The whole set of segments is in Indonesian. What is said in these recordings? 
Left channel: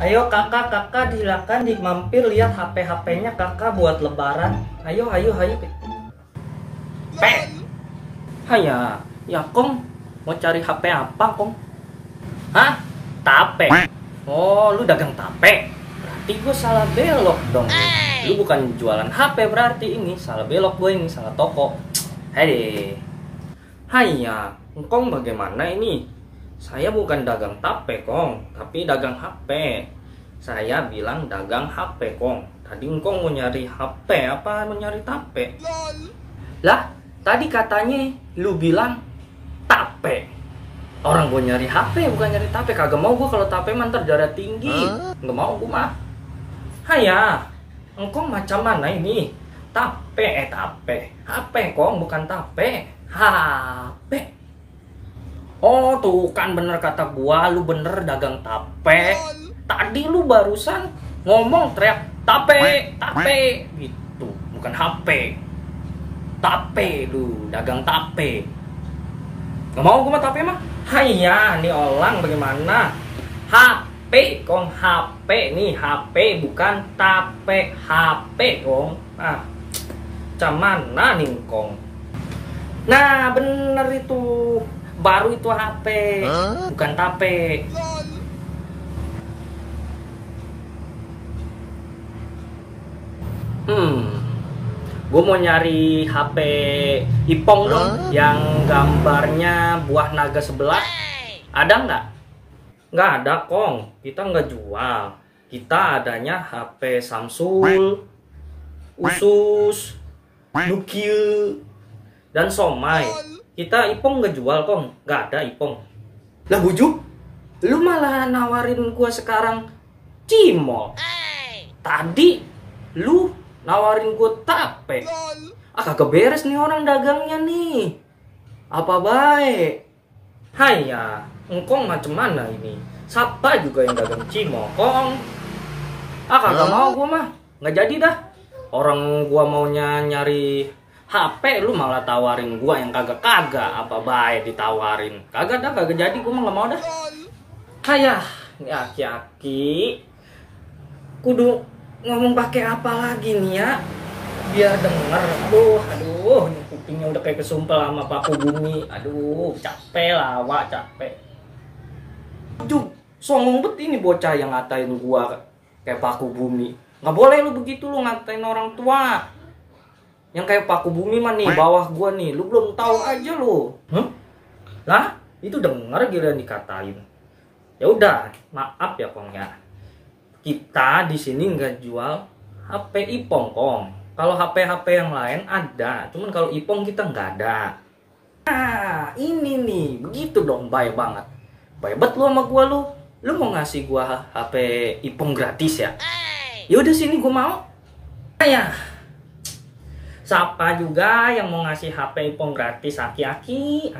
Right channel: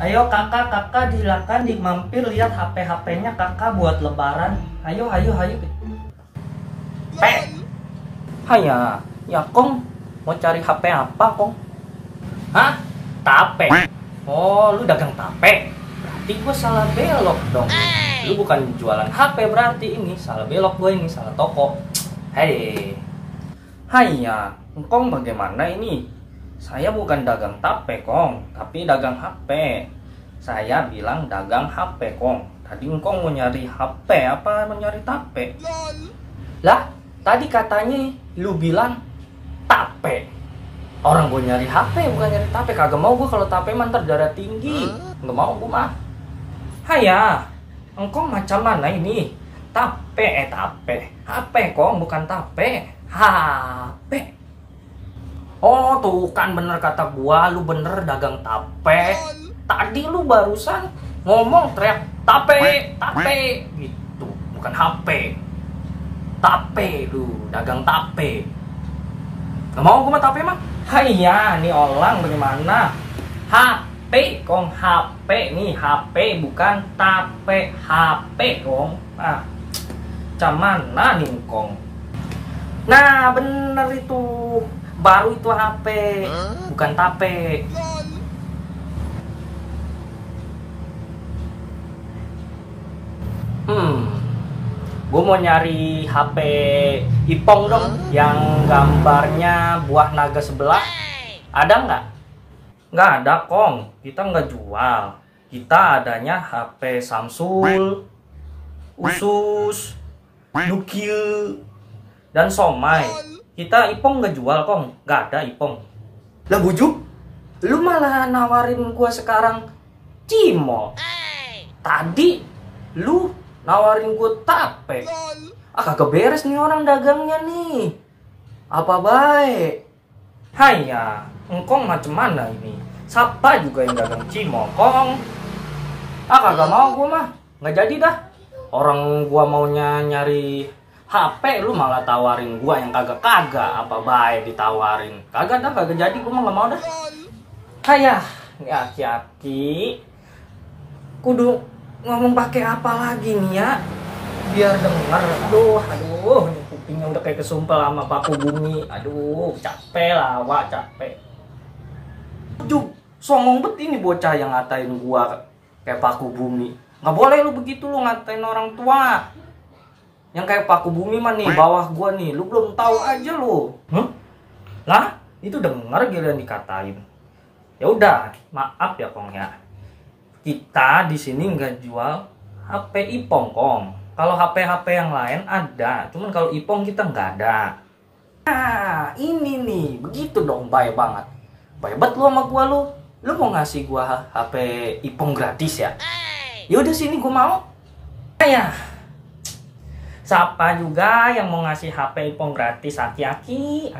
Ayo kakak silakan dimampir lihat HP-nya kakak buat lebaran. Ayo. Haya, ya Kong mau cari HP apa Kong? Hah? Tape? Oh, lu dagang tape? Berarti gue salah belok dong. Lu bukan jualan HP berarti ini salah belok gue ini salah toko. Hei, haya, Kong bagaimana ini? Saya bukan dagang tape Kong, tapi dagang HP. Saya bilang dagang HP Kong. Tadi Kong mau nyari HP apa mau nyari tape? Lah, tadi katanya lu bilang tape. Orang gue nyari HP bukan nyari tape. Kagak mau gue kalau tape mantar darah tinggi. Nggak mau gue mah. Haya, engkong macam mana ini? Tape. HP Kong bukan tape. HP. Oh tuh kan bener kata gua, lu bener dagang tape. Tadi lu barusan ngomong teriak tape gitu, bukan HP. Tape lu, dagang tape. Gak mau gua mah tape mah. Haiya, nih orang bagaimana? HP Kong, HP nih, HP bukan tape, HP Kong. Ah, mana nih Kong? Nah bener itu. Baru itu HP, bukan tape. Gue mau nyari HP Ipong dong, yang gambarnya buah naga sebelah. Ada nggak? Nggak ada Kong, kita nggak jual. Kita adanya HP Samsung, Usus, Nukil, dan Somai. Kita Ipong nggak jual Kong, nggak ada Ipong. Lah bujuk, lu malah nawarin gua sekarang cimol. Tadi lu nawarin gua tape. Ah kagak beres nih orang dagangnya nih. Apa baik? Haiya, engkong macam mana ini? Siapa juga yang dagang cimol Kong? Ah kagak mau gua mah, nggak jadi dah. Orang gua maunya nyari HP lu malah tawarin gua yang kagak apa baik ditawarin. Kagak jadi gua mah nggak mau dah. Hayah, ini aki-aki kudu ngomong pakai apa lagi nih ya biar denger. Aduh, ini kupingnya udah kayak kesumpel sama paku bumi. Aduh, capek lah, wak capek. Juk, songong bet ini bocah yang ngatain gua kayak paku bumi. Nggak boleh lu begitu, lu ngatain orang tua. Yang kayak paku bumi mah nih bawah gua nih, lu belum tahu aja lu. Lah, itu denger giliran dikatain. Ya udah, maaf ya Kong ya. Kita di sini nggak jual HP Ipong Kong. Kalau HP yang lain ada, cuman kalau Ipong kita nggak ada. Nah, ini nih, begitu dong, baik banget. Baik banget lu sama gua lu. Lu mau ngasih gua HP Ipong gratis ya? Ya udah sini gua mau. Ya. Siapa juga yang mau ngasih HP Ipong gratis? Aki-aki.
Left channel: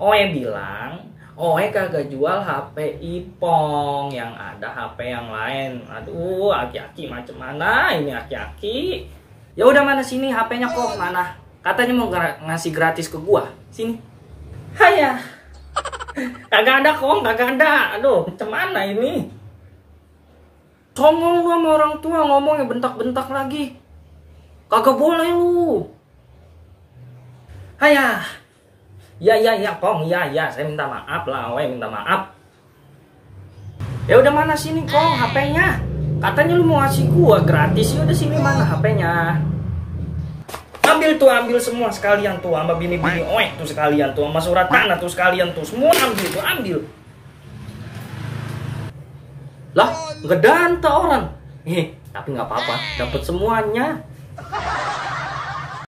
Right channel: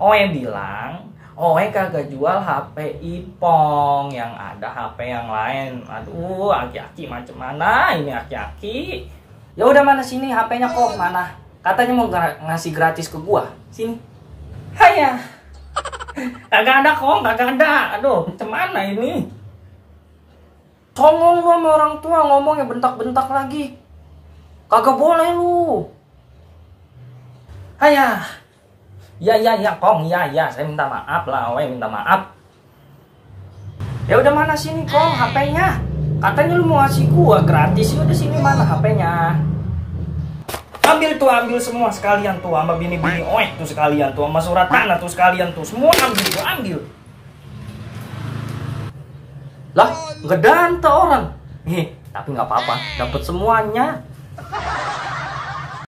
Oe bilang, Oe kagak jual HP Ipong, yang ada HP yang lain. Aduh, aki-aki macam mana ini aki-aki? Ya udah mana sini HP-nya Kong mana? Katanya mau ngasih gratis ke gua. Sini. Haya. Kagak ada Kong, kagak ada. Aduh, macam mana ini? Songong lu sama orang tua ngomongnya bentak-bentak lagi. Kagak boleh lu. Haya. Ya Kong, ya saya minta maaf lah, minta maaf. Ya udah mana sini Kong HP-nya? Katanya lu mau ngasih gua gratis. Ya udah sini mana HP-nya? Ambil semua sekalian tuh sama bini-bini tuh sekalian tuh sama surat tanah tuh sekalian tuh. Semua ambil. Lah, nggak danta orang. Tapi nggak apa-apa, dapat semuanya.